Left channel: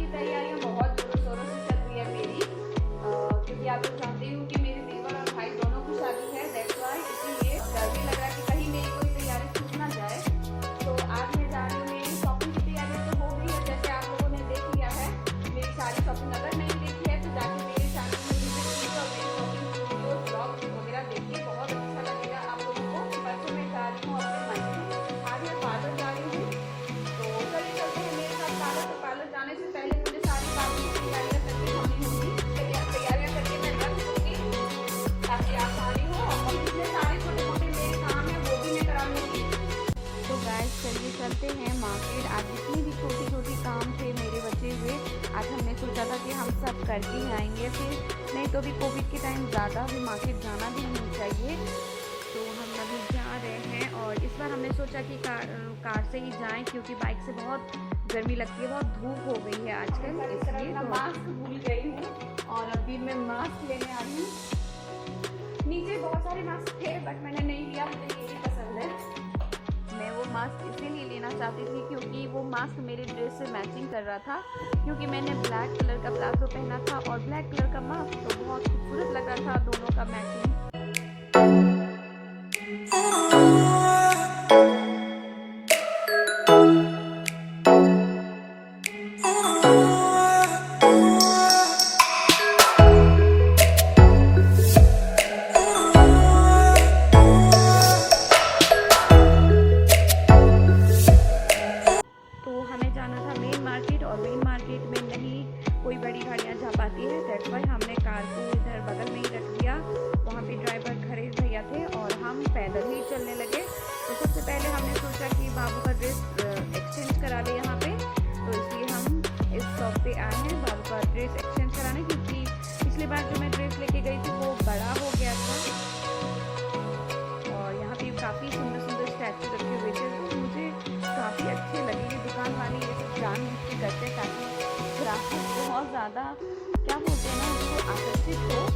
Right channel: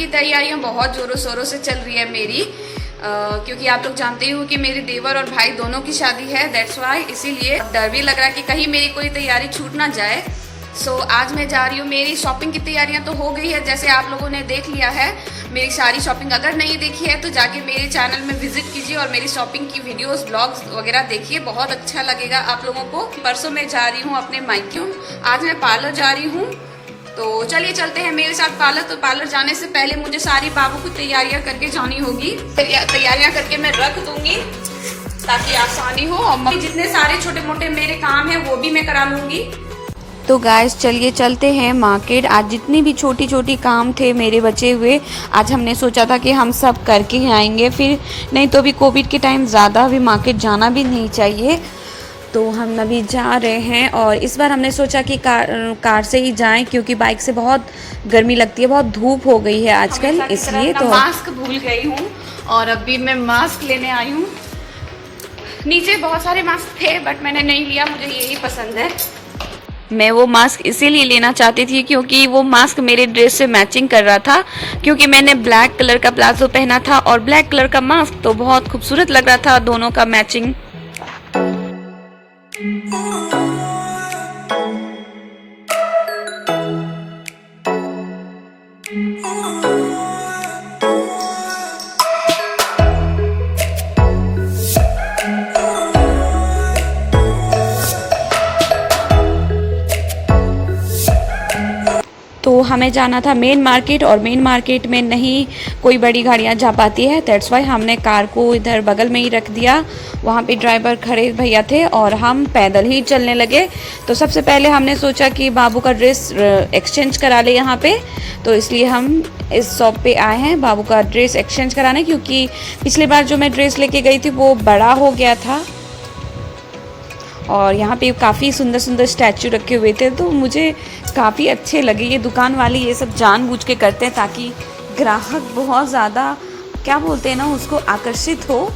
की तैयारियां बहुत ज़ोरों शोरों से चल रही है मेरी, क्योंकि आप लोग जानते ही हो कि मेरे देवर और भाई दोनों की शादी है, दैट्स वाई। इसीलिए डर भी लग रहा है कि कहीं मेरी कोई तैयारी छूट ना जाए। सो आज मैं जा रही हूँ। मेरी शॉपिंग की तैयारियां तो हो गई है, जैसे आप लोगों ने देख लिया है मेरी सारी शॉपिंग। अगर नहीं देखी है तो जाके मेरे चैनल में विजिट कीजिए और मेरी शॉपिंग की वीडियोस ब्लॉग्स वगैरह देखिए, बहुत अच्छा लगेगा आप लोगों को। परसों मैं जा रही हूँ अपने मायके, आज मैं पार्लर जा रही हूँ। तो चलिए चलते हैं मेरे साथ पार्लर। तो पार्लर जाने से पहले मुझे सारी बाबू की तैयारियां करके जानी होगी। तैयारियां करके मैं रख दूंगी ताकि आसानी हो, और जितने सारे छोटे मोटे मेरे काम हैं वो भी मैं करा लूंगी। तो गाइस चलिए चलते हैं मार्केट। आज जितनी भी छोटी छोटी काम थे मेरे बचे हुए, आज हमने सोचा था कि हम सब करके ही आएंगे, फिर नहीं तो अभी कोविड के टाइम ज़्यादा अभी मार्केट जाना भी नहीं चाहिए। तो हम अभी जा रहे हैं और इस बार हमने सोचा कि कार से ही जाएं, क्योंकि बाइक से बहुत गर्मी लगती है, बहुत धूप हो गई है आजकल, इसलिए। तो मास्क भूल गई हूँ और अभी मैं मास्क लेने आई हूँ। नीचे बहुत सारे मास्क थे बट मैंने नहीं लिया, मुझे यही पसंद है। मैं वो मास्क इसीलिए लेना चाहती थी क्योंकि वो मास्क मेरे ड्रेस से मैचिंग कर रहा था, क्योंकि मैंने ब्लैक कलर का प्लाजो पहना था और ब्लैक कलर का मास्क, तो बहुत खूबसूरत लग रहा था दोनों का मैचिंग। तो हमें जाना था मेन मार्केट, और मेन मार्केट में नहीं कोई बड़ी गाड़ियाँ जा पाती है, दैट्स वाई हमने कार को इधर बगल में ही रख दिया। वहाँ पे ड्राइवर खड़े भैया थे और हम पैदल ही चलने लगे। तो सबसे पहले हमने सोचा कि बाबू का ड्रेस एक्सचेंज करा ले यहाँ पे, तो इसलिए हम इस शॉप पे आए हैं बाबू का ड्रेस एक्सचेंज कराने, क्योंकि पिछली बार जो मैं ड्रेस लेके गई थी वो बड़ा हो गया था। और यहाँ पे काफ़ी सुंदर सुंदर स्टैचू रखे हुए थे, तो मुझे काफ़ी अच्छे लगे। ये दुकान वाले ये सब जानबूझ के करते हैं ताकि ग्राहक बहुत ज़्यादा, क्या बोलते हैं ना, उसको आकर्षित हो।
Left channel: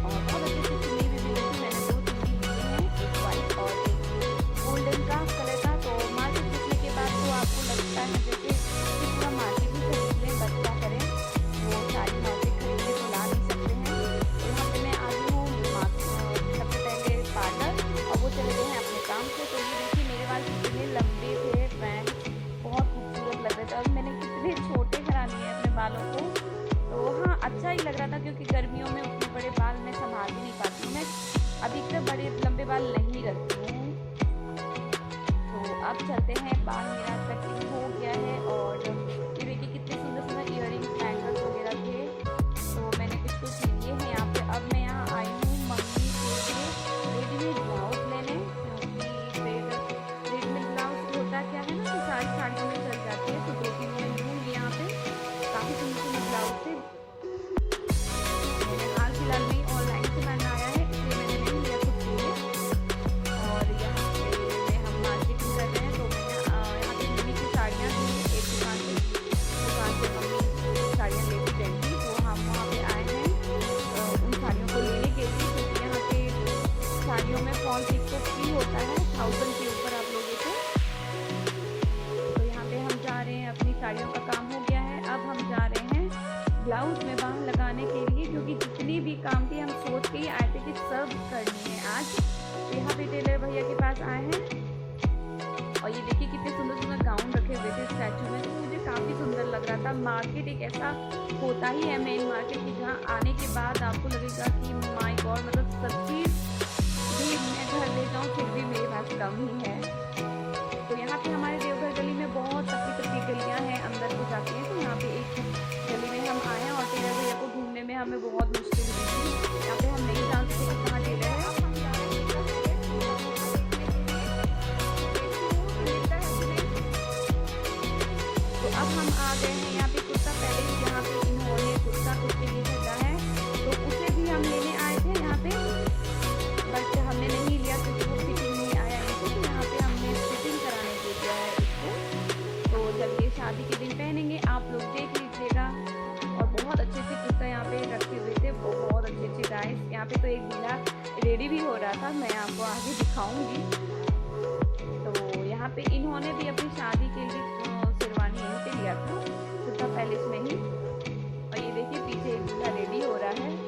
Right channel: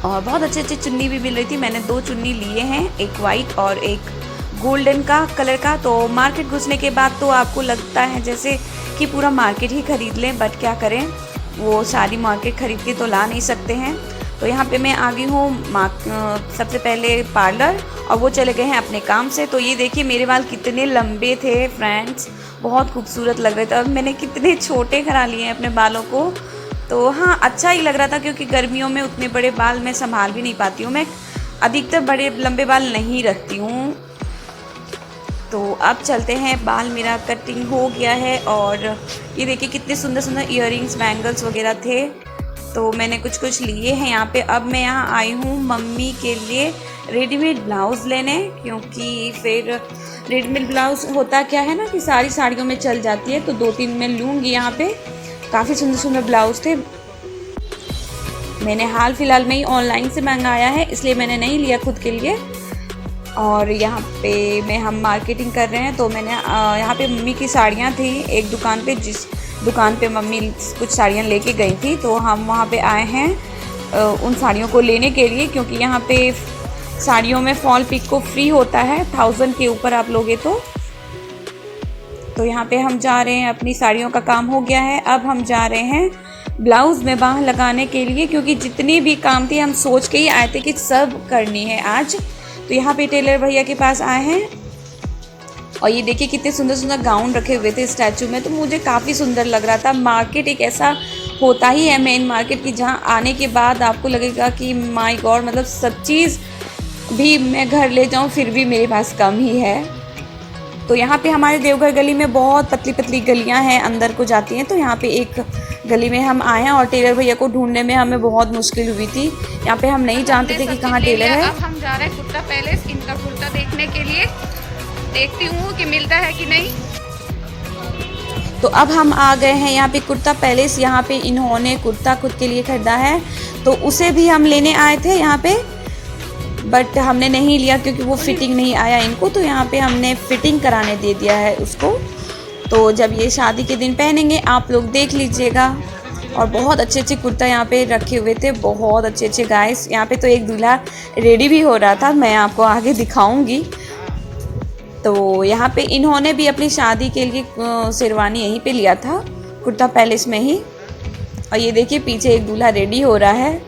और बहुत अच्छे अच्छे चुन्नी भी मिल रही थी। मैंने 2 चुन्नी लिए हैं, एक वाइट और एक गोल्डन का कलर का। तो मार्केट घुसने के बाद तो आपको लगता है जैसे कि पूरा मार्केट ही खरीद लें, बट क्या करें, वो सारी मार्केट खरीद के तो ला नहीं सकते हैं। तो यहाँ पे मैं आ गई हूँ सबसे पहले पार्लर, और वो चले गए हैं अपने काम से। तो ये देखिए मेरे बाल कितने लंबे थे फ्रेंड्स, बहुत खूबसूरत लग रहे थे। और मैंने कितने छोटे करा लिए हैं अपने बालों को। तो हाँ, अच्छा ही लग रहा था, क्योंकि गर्मियों में उतने बड़े बाल मैं संभाल भी नहीं पाती हूँ। मैं अधिकतर बड़े लंबे बाल नहीं रखती हूँ। तो अब चलते हैं, बाल मेरा कटिंग हो गया है। और ये देखिए कितने सुंदर सुंदर इयररिंग्स, बैंगल्स वगैरह थे, तो मैंने कुछ कुछ लिए हैं यहाँ पे। अब मैं यहाँ आई हूँ मम्मी के लिए रेडीमेड ब्लाउज़ लेने, क्योंकि फिर रेडीमेड ब्लाउज़ होता क्या है ना कि सारी साड़ियों में चल जाती है, तो 2-3 मैं लूँगी। यहाँ पे काफ़ी सुंदर सुंदर ब्लाउज़ थे। मैंने हाल फिलहाल में ही ऑनलाइन से मंगाया है, इसलिए मैंने नहीं लिया खुद के लिए। और यहाँ पे हम मार्केटिंग कर रहे हैं, तो मैंने यहाँ पे मम्मी की साड़ियाँ थी एक दुकान पे, जिस दुकान पे मम्मी कुछ साड़ियाँ लेके गई थी, तो हम वहाँ पे आए हैं उन साड़ियों को लेने के लिए, क्योंकि यहाँ पे साड़ियों में फॉल पिक को फ्री होता है 1000 के ऊपर आप लोगे तो यहाँ पे हम जा रहे हैं, अपनी साड़ियों का काम हो गया है। अब हम जा रहे हैं ब्लाउज़ में बाँह लगाने के लिए, क्योंकि जितनी भी काम थी हम सोच के ही आए थे कि सब करनी है आज। तो यहाँ पे टेलर भैया के पास आए हैं, और ये देखिए कितने सुंदर सुंदर गाउन रखे हुए थे स्टैचू में, तो मुझे काफ़ी सुंदर लग रहा था। मार्केट एक ऐसा होता ही है मेन मार्केट की, जहाँ आने के बाद आपको लगेगा कि माय गॉड, मतलब सब चीज़ भी मैं घर ले जाऊँ फिर भी मेरे पास कम ही है। तो यहाँ पे हमारे देवघर गली में बहुत पतली पतली गलियाँ हैं, अंदर को जाती हैं। तो यहाँ पे एक गली में हम आए हैं, और टेलर भैया को ढूंढने में हमें बहुत मुश्किल हुई थी। यहाँ पे हम नहीं जानते थे कि कहाँ टेलर है। अब हम जा रहे हैं कुर्ता पैलेस, इनका कुर्ता देखने के लिए, देखती हूँ कि मिलता है कि नहीं। तो अब हम आ गए हैं यहाँ पे कुर्ता पैलेस। यहाँ पे इन्होंने कुर्ता खुद के लिए खरीदा है, तो उसे भी हम लेने आए थे यहाँ पे, बट हमने नहीं लिया क्योंकि वो फिटिंग नहीं आया इनको। तो यहाँ पे हमने फिटिंग कराने दे दिया है उसको, तो जब ये शादी के दिन पहनेंगे आप लोग देख लीजिएगा। और बहुत अच्छे अच्छे कुर्ता यहाँ पे रखे हुए थे, बहुत अच्छे अच्छे गाइस। यहाँ पे तो एक दूल्हा रेडी भी हो रहा था, मैं आपको आगे दिखाऊंगी। तो यहाँ पे इन्होंने भी अपनी शादी के लिए शेरवानी यहीं पे लिया था, कुर्ता पैलेस में ही। और ये देखिए पीछे एक दूल्हा रेडी हो रहा है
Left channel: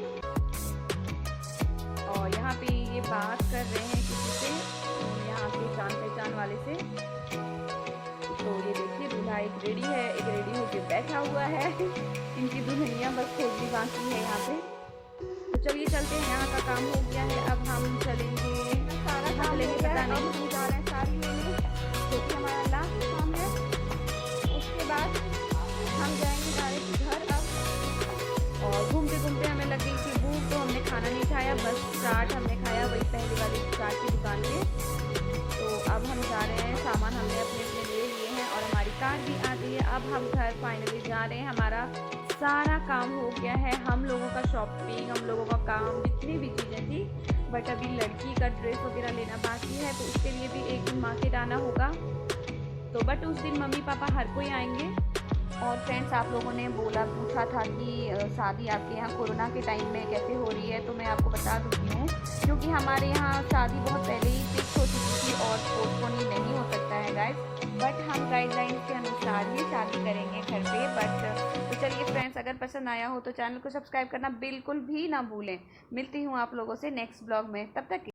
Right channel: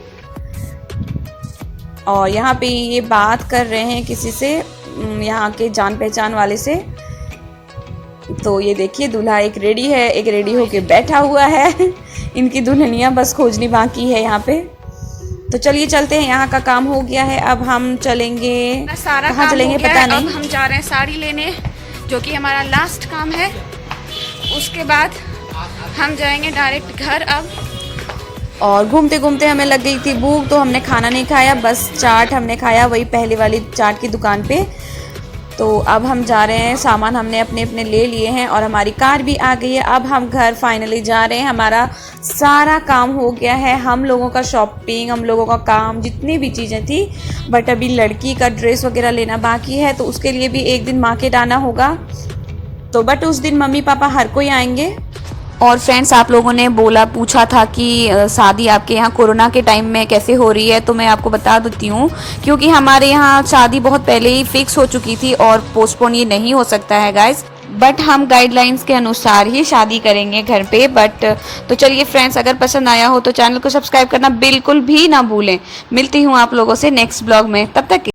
और यहाँ पे ये बात कर रहे हैं किसी से, यहाँ के जान पहचान वाले से। तो ये देखिए दूल्हा एक रेडी है, एक रेडी होके बैठा हुआ है। इनकी दुल्हनियाँ बस खोजनी बाकी है यहाँ पे। तो चलिए चलते हैं, यहाँ का काम हो गया है। अब हम चलेंगे, कहाँ चलेंगे पता नहीं। अब हम जा रहे हैं साड़ी लेने, जो कि हमारा लास्ट काम है। उसके बाद हम जाएंगे डायरेक्ट घर। अब और घूमते घूमते हमें लग गई थी भूख, तो हमने खाना नहीं खाया, बस चाट हमने खाया वही पहले वाली चाट की दुकान पे। तो अब हम जा रहे हैं, सामान हमने अपने अपने ले लिए हैं और हमारी कार भी आ गई है। अब हम घर फाइनली जा रहे हैं, हमारा सारा काम हो गया है। हम लोगों का शॉपिंग, हम लोगों का काम, जितनी भी चीज़ें थी, बट अभी लड़की का ड्रेस वगैरह लेना बाकी है, तो उसके लिए भी एक दिन मार्केट आना होगा। तो बट उस दिन मम्मी पापा हर कोई आएंगे। और फ्रेंड्स, आप लोगों ने पूछा था कि शादी आपके यहाँ कोरोना के टाइम में कैसे हो रही है, तो मैं आपको बता देती हूँ, क्योंकि हमारे यहाँ शादी बहुत पहले ही फिक्स हो चुकी थी और पोस्टपोन ये नहीं हो सकता है गाइस। बट हम गाइडलाइंस के अनुसार ही शादी करेंगे घर पे। बट तो चलिए फ्रेंड्स, अगर पसंद आया हो तो चैनल को सब्सक्राइब करना बिल्कुल भी ना भूलें। मिलती हूँ आप लोगों से नेक्स्ट ब्लॉग में, तब तक